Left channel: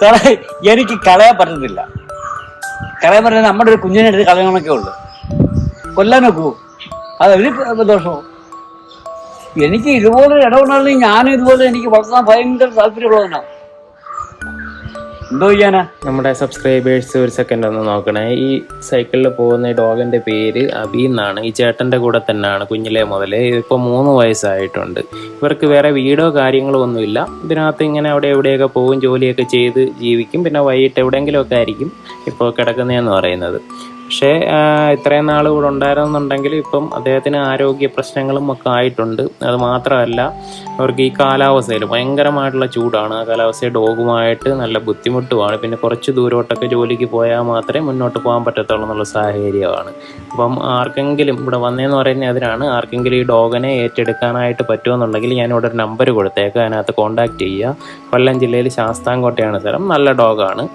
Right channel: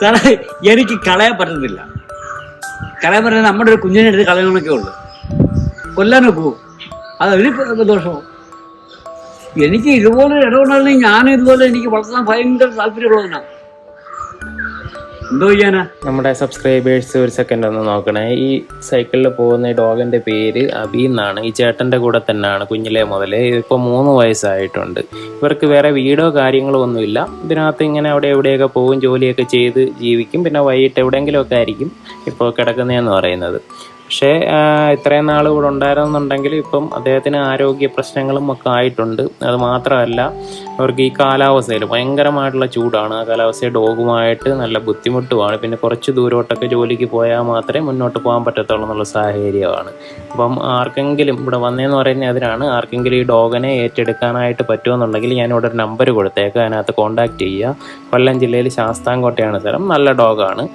സാറേ എനിക്ക് കളയാൻ പറ്റുന്നില്ല. കളയാൻ പറ്റുന്ന നമ്മുടെ ഒരു കുഞ്ഞിനെ എടുത്ത് കളയണമൊക്കെ ഉള്ളു. കൊല്ലാൻ നോക്കൂ, അത് ഒരു ദോഷമോ? എനിക്ക് ഇതുപോലെ ഇടപെടണമെങ്കിൽ ഞാനും ഇതുപോലെ എനിക്ക് വളർത്താൻ ഭയങ്കര താല്പര്യമുള്ളതാണ്. എന്തോ ചെയ്യാനാ? നമ്മുടെ സബ്സ്ക്രൈബേഴ്സ് ഒരു സെക്കൻഡ് ഒന്ന് നോക്കണേ. ഈ സൈക്കിളിൽ പോകുന്ന ഡോഗിന്റെ പേര് അബി എന്നാണ്. ഈ ചേട്ടന്റെ കൂടെ തന്നെയാണ് കുഞ്ഞിലെ മുതലേ. ഇപ്പോൾ 3 വയസ്സായിട്ടുണ്ട്. ഇവർക്ക് വേറെ വീടോ കാര്യങ്ങളോ ഒന്നുമില്ല. ഇതിനകത്ത് ഇങ്ങനെ അവിടെ എവിടെയൊക്കെ പോകും, ജോലിയൊക്കെ ചെയ്ത് ജീവിക്കും. പിന്നെ വൈകിട്ട് എവിടെയെങ്കിലുമൊക്കെ ആയിരിക്കും ഇപ്പോൾ കിടക്കുന്നതെന്ന് പറയുന്നത്. പക്ഷേ ഇത്രയും നാൾ ഇവിടെ ഉണ്ടായിരുന്നുണ്ടെങ്കിൽ ഇപ്പം അദ്ദേഹത്തിന് ആരോഗ്യ പ്രശ്നങ്ങളും ഒക്കെ ആയിട്ടുണ്ട്. അത് മാത്രമല്ല, അവർക്ക് ഈ കാലാവസ്ഥയിൽ ഭയങ്കരമായിട്ടുള്ള ചൂടാണ്. ആ കാലാവസ്ഥയിൽ ഡോഗുമായിട്ട് നല്ല ബുദ്ധിമുട്ടുമാണ്. പിന്നെ കുറച്ച് ദൂരോട്ടൊക്കെ ജോലിക്ക് പോയാൽ മാത്രമേ മുന്നോട്ട് പോകാൻ പറ്റത്തുള്ളൂ എന്നുള്ള സാഹചര്യമാണ്. അപ്പം ആർക്കെങ്കിലും ഇവിടെ വന്നതെന്ന് പറയുന്നത് അതിനാണ്. ആർക്കെങ്കിലും ഈ ഡോഗിനെ ഏറ്റെടുക്കാനായിട്ട് പറ്റുമെന്നുണ്ടെങ്കിൽ ഞാനിവിടെ ഒരു നമ്പർ കൊടുത്തേക്കാം, അതിനകത്ത് കോൺടാക്റ്റ് ചെയ്യുക. കൊല്ലം ജില്ലയിൽ ശാസ്താംകോട്ടയാണ് സ്ഥലം. നല്ല ഡോഗാണ്,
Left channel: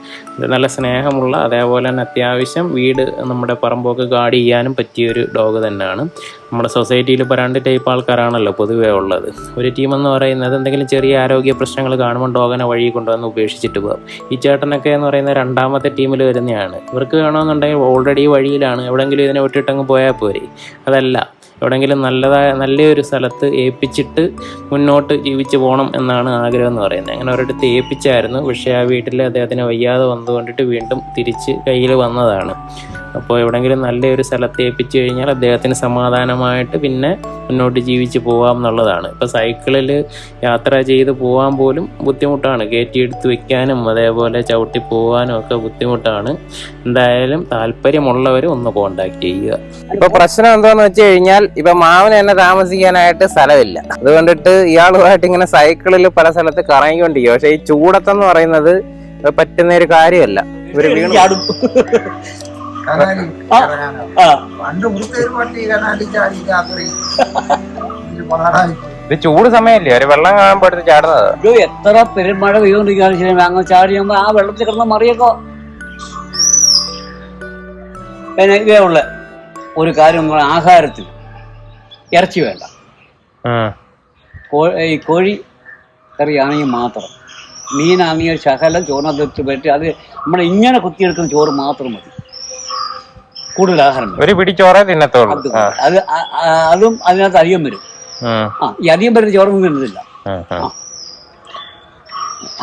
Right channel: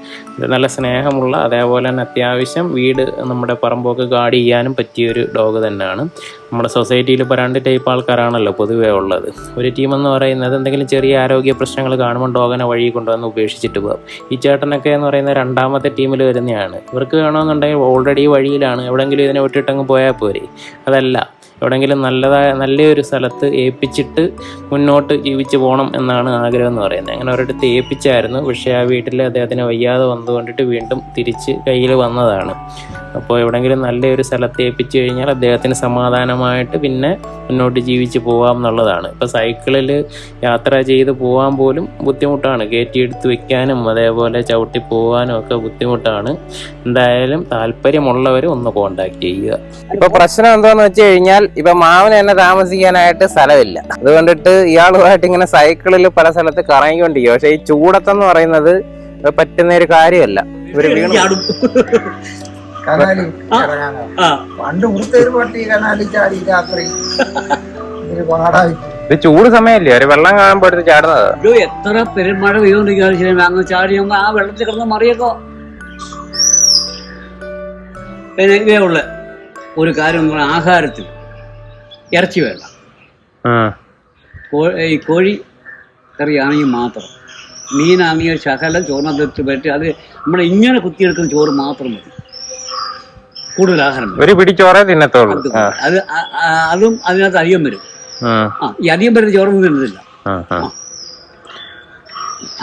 നല്ല സ്നേഹമുള്ള, അതേപോലെ തന്നെ അത്യാവശ്യം വീട് നമ്മുടെ പറമ്പൊക്കെ ഗാർഡ് ചെയ്യാനും പറ്റിയൊരു ഡോഗ് തന്നെയാണ്. നമ്മുടെ സൊസൈറ്റിയിൽ ഇപ്പോൾ 2 ടൈപ്പ് ആൾക്കാരാണല്ലോ പൊതുവേ ഉള്ളത്. ഒരു ടീമെന്ന് പറയുന്നത് എന്തെങ്കിലും ചെറിയ ആരോഗ്യ പ്രശ്നങ്ങൾ കാണുമ്പോൾ ഡോഗിനെ വഴി കൊണ്ടുവന്ന് ഉപേക്ഷിച്ചിട്ട് പോകും. ഈ ചേട്ടനൊക്കെ എന്ന് പറയുന്നത് 2ാമത്തെ ടീമിൽ വരുന്നതാണ്. ഇവർക്ക് വേണമെന്നുണ്ടെങ്കിൽ ഓൾറെഡി വഴിയിലാണ്, എവിടെയെങ്കിലും ഇതിനെ വിട്ടിട്ടങ്ങ് പോയാൽ പോരെ. അതല്ല, എവിടെയെങ്കിലും നല്ലൊരു സ്ഥലത്ത് ഏൽപ്പിച്ചിട്ട് മുന്നോട്ട് ജീവിച്ച് പോകണം എന്നാണ് ആഗ്രഹം എന്ന് പറയുന്നത്. അങ്ങനെ ഒരിടത്ത് ഏൽപ്പിച്ചായിരുന്നു. പക്ഷേ ആ വീട്ടിൽ അദ്ദേഹത്തിന് വയ്യാതെ വന്നുകൊണ്ടിട്ട് വീണ്ടും തിരിച്ച് കയ്യിൽ വന്നതാണ്. അപ്പോൾ എവിടെയെങ്കിലും നല്ലൊരു സ്ഥലത്ത് ഏൽപ്പിച്ചു കഴിഞ്ഞാൽ അദ്ദേഹത്തിന് സമാധാനമായിട്ട് പിന്നെ മുന്നോട്ട് ജീവിച്ച് പോകാം എന്നുള്ളതാണ്. ഇപ്പോൾ സൈക്കിളിൽ യാത്ര ചെയ്ത് പോകാൻ പോലും ബുദ്ധിമുട്ടാണ്. കയറ്റിയെടുത്ത് വെക്കാനും അതേപോലെ ചവിട്ടി പോകാനും ഒക്കെ ബുദ്ധിമുട്ടാണ്. എന്തായാലും താല്പര്യമുള്ളവർ ഒന്ന് കോണ്ടാക്ട് ചെയ്യുക. ഇപ്പൊ പ്രശ്നം എന്താന്ന് വെച്ച് കഴിഞ്ഞാൽ ഇപ്പൊ മാവന് തന്നെ താമസിക്കാനായിട്ട് സ്ഥലമില്ല. അതുകൊണ്ടിട്ട് ഇയാളുമായിട്ട് ഇങ്ങനെ സൈക്കിളിൽ പല സ്ഥലത്ത് കറങ്ങിക്കൊണ്ടിരിക്കുക. പക്ഷെ ഈ ചൂടത്തെന്ന് പറയുന്നത് പറ്റുന്ന ഒരു കാര്യമല്ല. ഇവര് വീണ് ചൂട് സമയല്ലേ, ഒരു വെള്ളം കാണുമ്പോ എടുത്ത് ചാടുന്നത്. എത്ര പെരുമഴ പെയ്തോണ്ടിരിക്കുകയാണ്, അങ്ങ് ചാടി ആ വെള്ളത്തിൽ കിടന്ന മറിയൊക്കെ. ഇതേ ഉള്ള ഒരു കാര്യം എന്ന് പറഞ്ഞാൽ ആഹാരത്തിൽ ഇറച്ചി വേണ്ട. ഈ കോഴി കറിയാണെങ്കിൽ മാത്രം, മീനാണെങ്കിൽ ശകലം ചോറിനകത്ത് പറ്റി അത് നമ്മൾ ഇങ്ങനെ കുത്തിയെടുക്കുന്ന ചോറ് മാത്രം മതി. കൂടുതൽ ആഹാരം ഒരു പിടിച്ചോറേ തിന്നത്തുള്ളൂ. അതും അതിനകത്ത് അധികം വരും. ഈ അധികം വരുന്ന ചോറൊന്നും തിന്നത്തില്ല.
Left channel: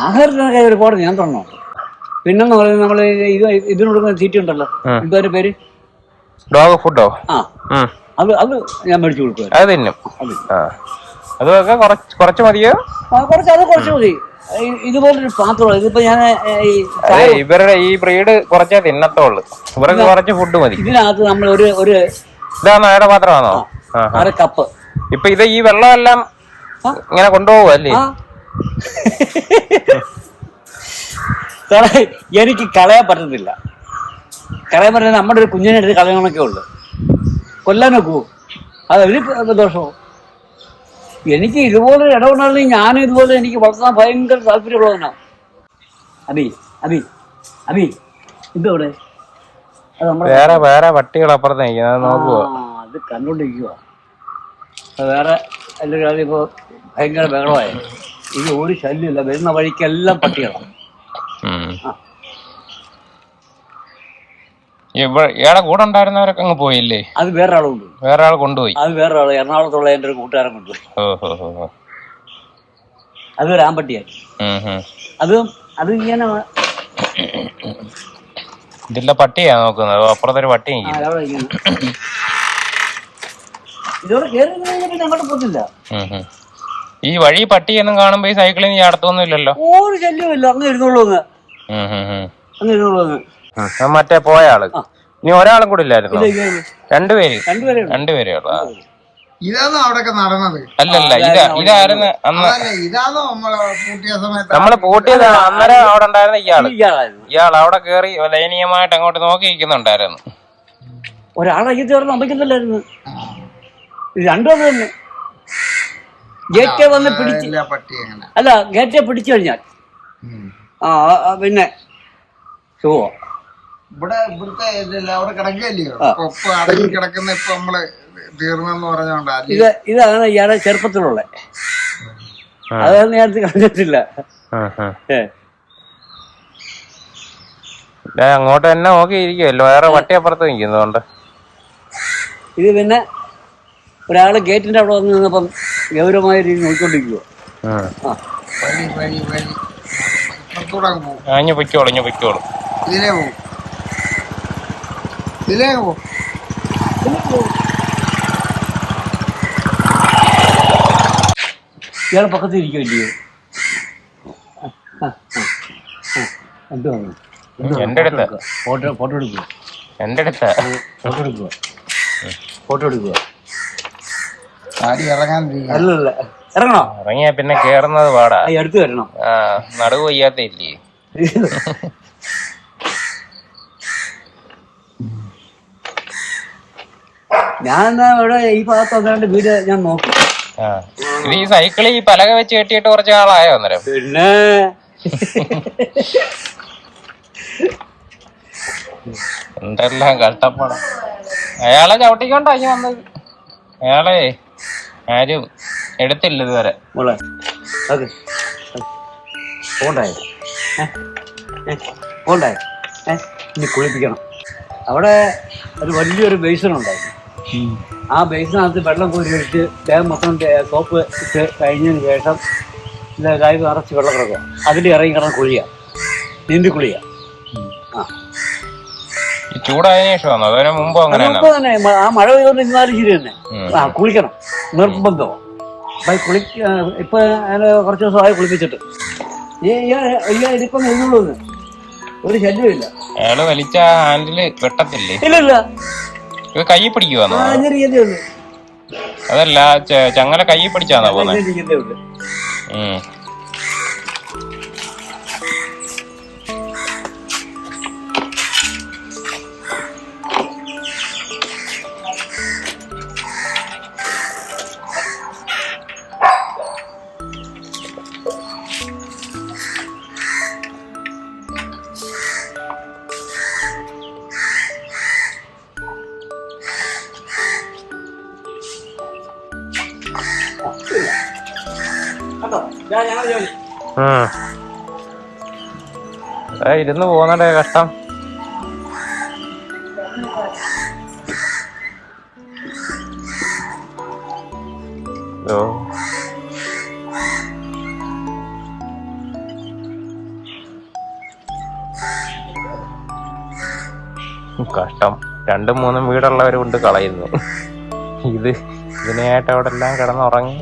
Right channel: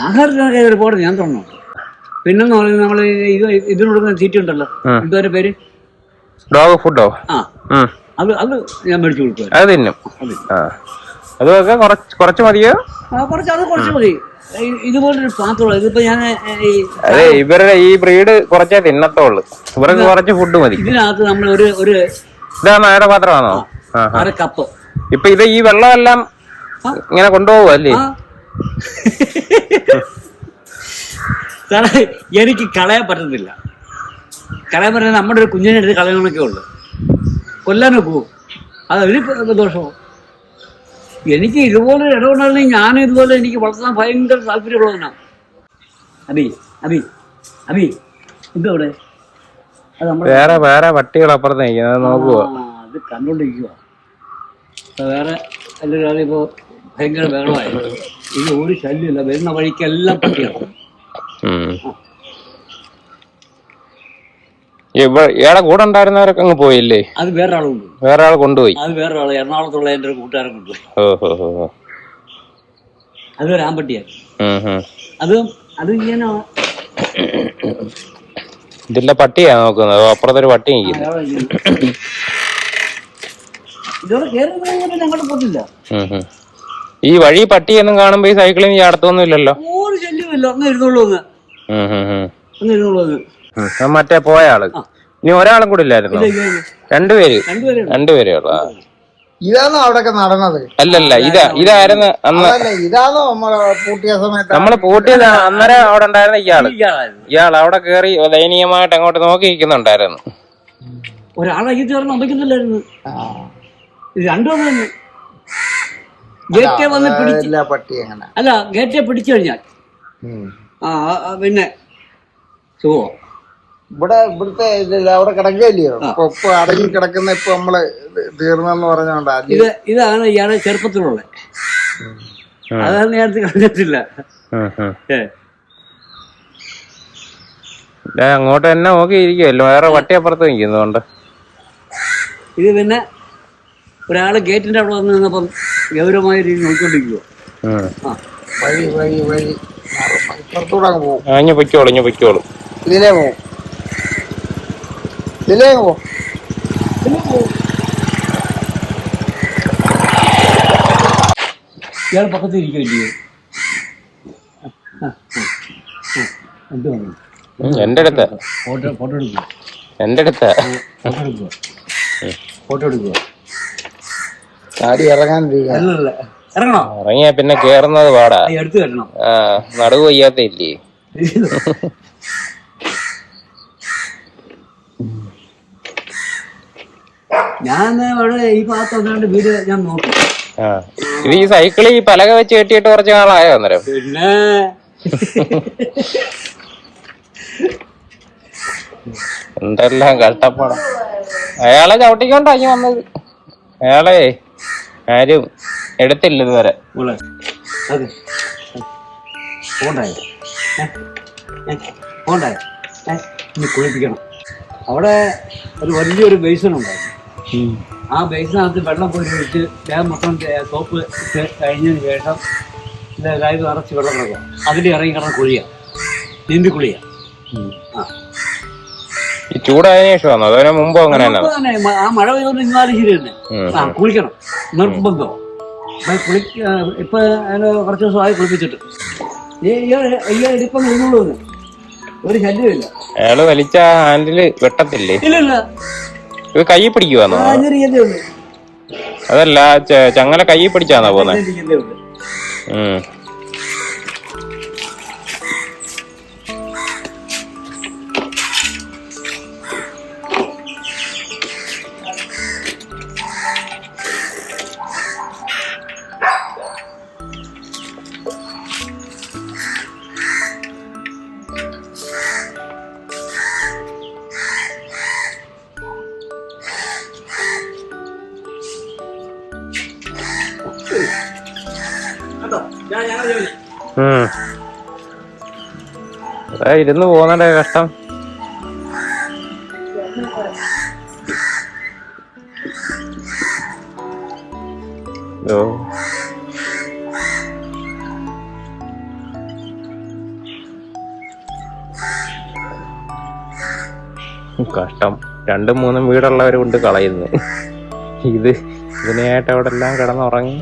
ആഹാരത്തിനൊക്കെ ഒരുപാട് നിയന്ത്രണമുണ്ട്. പിന്നെന്ന് പറയുന്നത് നമ്മള് ഇതിനോട് തീറ്റ ഉണ്ടല്ലോ, എന്തൊരു പേര്, ഡോഗ് ഫുഡോ? അത് ഞാൻ മേടിച്ചു കൊടുക്കും. അത് തിന്നും. അതൊക്കെ കുറച്ച് മതിയോ? കുറച്ച് മതി. ഇതുപോലൊരു പാത്രം, ഇതിപ്പോ ഞാൻ ഇവരുടെ ഈ ബ്രീഡ് കുറച്ചേ തിന്നത്തുള്ളൂ. ഇവർക്ക് കുറച്ച് ഫുഡ് മതി. ഇതിനകത്ത് നമ്മൾ ഒരു ഇതാണ് അയാളുടെ പാത്രമാണോ? 1/2 കപ്പ്. ഇപ്പൊ ഇത് ഈ വെള്ളമെല്ലാം ഇങ്ങനെ കൊണ്ടുപോകുമല്ലേ? സാറേ എനിക്ക് കളയാൻ പറ്റുന്നില്ല. കളയാൻ പറ്റുന്ന നമ്മുടെ ഒരു കുഞ്ഞിനെ എടുത്ത് കളയണമൊക്കെ ഉള്ളു. കൊല്ലാൻ നോക്കൂ, അത് ഒരു ദോഷമോ? എനിക്ക് ഇതുപോലെ ഇടപെടണമെങ്കിൽ ഞാനും ഇതുപോലെ എനിക്ക് വളർത്താൻ ഭയങ്കര താല്പര്യമുള്ളതാണ്. അബി അബി അബി ഇതവിടെ വേറെ പട്ടികൾ അപ്പുറത്ത് അത് കണ്ടോണ്ടിരിക്കുക. വേറെ എല്ലാവരും ഇപ്പൊ ഭയങ്കര ബഹളമായിരുന്നു. ഇത് ഒരു ശല്യമില്ല, വരുന്ന വഴിക്കെല്ലാം പട്ടികളാണ്. ഇയാളെ കൂടെ ഉണ്ടായിരുന്നവരൊക്കെ അങ്ങ് പോയില്ലേ? അത് വേറൊരാളുണ്ട്. വേറെ ആൾ കൊണ്ടുപോയി. അത് വേറൊരാള് എറണാകുളത്തുള്ള എന്റെ ഒരു കൂട്ടുകാരൻ കൊണ്ടുപോയി. അതൊരു ആമ്പട്ടിയായിരുന്നു. അത് ഇങ്ങനെ ഇതില്ല പട്ടിയാ നോക്കുന്നത്. അപ്പുറത്തൊരു പട്ടി ഇതോടെ കേറി അങ്ങോട്ട് പോത്തില്ല. ഈ വഴി പട്ടിയൊന്നും കാണുമ്പോ ഈ സൈക്കിളിൽ ചാടത്തൊന്നും ഇല്ലല്ലോ. ഒരു ശല്യമില്ല. അങ്ങ് ഇരുന്നോളൂ. അങ്ങ് ഇരുന്നോളൂ. മറ്റേ പോയ ആള് ഇനി ഒരാളും കൂടെ ഇല്ലായിരുന്നു. രണ്ടുപേരെ ഇതാണോ അവിടെയൊക്കെ നടന്നത്? അല്ലല്ല, ഇതായിരുന്നു ഇതാണോ നമ്മള് പൂട്ടിയ സമയത്ത്? നമ്മള് പൂട്ടിയത് അന്നേരം അവിടെ ഉണ്ടായിരുന്ന ഇയാൾ അവിടെ കേറി ദയനീയമായിട്ട് അങ്ങോട്ട് നോക്കി നിൽക്കുന്നുണ്ടായിരുന്നു. ഒരാളെ ചേർന്ന് അമ്മയ്ക്കുന്നില്ലായിരുന്നു. രണ്ടും തന്നെ ഗേറ്റെ വന്ന് പിടിച്ചില്ല. പട്ടി എങ്ങനെ അല്ല, ഗേറ്റെ പിടിച്ചു കഴിഞ്ഞാൽ പിന്നെ സുഖോ. ഇവിടുത്തെ അവിടെ കിടക്കുകയല്ലയോ? ഇപ്പൊ അടക്കി കിടക്കുന്ന ഇപ്പൊ നമ്മള് തീർന്നെന്ന് പറഞ്ഞോണ്ടാ. ഇതാണ് ഇയാളെ ചെറുപ്പത്തിലുള്ള അതാണ് നേരത്തെ കളഞ്ഞിട്ടില്ല. അങ്ങോട്ട് തന്നെ നോക്കിയിരിക്കുമല്ലോ, വേറെ വട്ടിയപ്പുറത്ത് നിൽക്കുന്നതുകൊണ്ട്. ഇത് പിന്നെ ഒരാള് ഗേറ്റിന്റെ അവിടെ വന്ന് നിന്നപ്പം ഗൗരവമായ രീതിയിൽ നോക്കിക്കൊണ്ടിരിക്കുക. വഴി വഴി വഴി പുറത്തൂടെ അങ്ങ് പോകും. ഇഞ്ഞു പൊയ്ക്കോളും. ഇതിലേ പോവും. ഇതിലേ പോവും. ഇയാൾ പക്കത്ത് ഇരിക്കുമല്ലയോ? എന്ത് വന്നു? ഫോട്ടോ എടുക്കുക. ആടി ഇറങ്ങാൻ അല്ലല്ല, ഇറങ്ങണോ? ഇറങ്ങിയാ പിന്നെ കേറുന്നത് പാടാ. അടുത്ത് വരണം. നടുവ് വയ്യാത്ത ഇല്ലേ? ഞാൻ ഇവിടെ ഈ ഭാഗത്ത് വന്നുകൊണ്ട് വീട് ഞാൻ നോക്കി. ഈ സൈക്കിള് ഈ പലക വെച്ച് കെട്ടിയിട്ട് കുറച്ച് നാളായോ അന്നേരം? പിന്നെ എന്തെല്ലാം കഷ്ടപ്പാടാ. അയാളെ ചവിട്ടിക്കൊണ്ടാക്കി വന്നത്. അയാളെ ആരും എടുത്തില്ല ഇതുവരെ. മോളെ അതെ പോണ്ടായോ? പോണ്ടായോ? ഇനി കുളിപ്പിക്കണം. അവിടെ ഒരു വലിയൊരു ബേസിൻ ഉണ്ടായിരുന്നു. ആ ബേസിനകത്ത് വെള്ളം കോരി ഒഴിച്ച് ദേഹം മൊത്തം സോപ്പ് ഇട്ട് കഴിഞ്ഞതിന് ശേഷം കൈ നിറച്ച് വെള്ളം കിടക്കുക. അതിൽ ഇറങ്ങി കിടന്ന് കുഴിയുക, നീന്തി കുളിയുക. ചൂടായ ശേഷമാണോ അതിന് മുമ്പ്? മുമ്പ് തന്നെ ആ മഴ പെയ്തുകൊണ്ട് ഇന്നാലും ശരി തന്നെ. കുളിക്കണം, നിർബന്ധം. ഇപ്പൊ അതിന് കുറച്ച് ദിവസമായി കുളിപ്പിച്ചിട്ട് ഇതിപ്പം എഴുന്നള്ളൂ, ഒരു ശല്യമില്ല. അയാള് വലിച്ച ഹാൻഡില് വെട്ടത്തില്ലേ? ഇല്ല, കൈ പിടിക്കുവാന്നോ? അതല്ല, ചങ്ങല കൈ പിടിച്ചാണോ പോകുന്നത്? ഇരുന്ന് പോകുന്നതിന്റെ കഷ്ടം. കഷ്ടം. 2-3 വീടുള്ളവർ കൊണ്ട് കളയുന്നു. ഇതിനായിട്ട് അവിടെ എല്ലാം കിടന്നുറങ്ങി.